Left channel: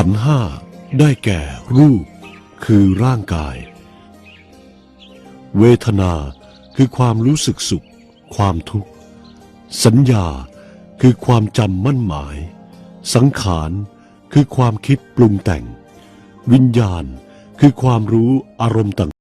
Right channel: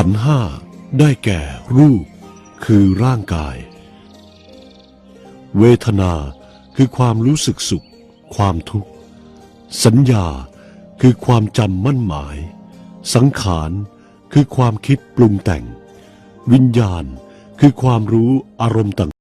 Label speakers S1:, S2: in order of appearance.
S1: ขันห้าได้แก่รูป คือร่างกาย เวทนาคือความรู้สึกสุข ความทุกข์ สัญญาคือความจำมั่นหมาย สังขารคือความคิดปรุงแต่ง วิญญาณคือความรู้อารมณ์ต่าง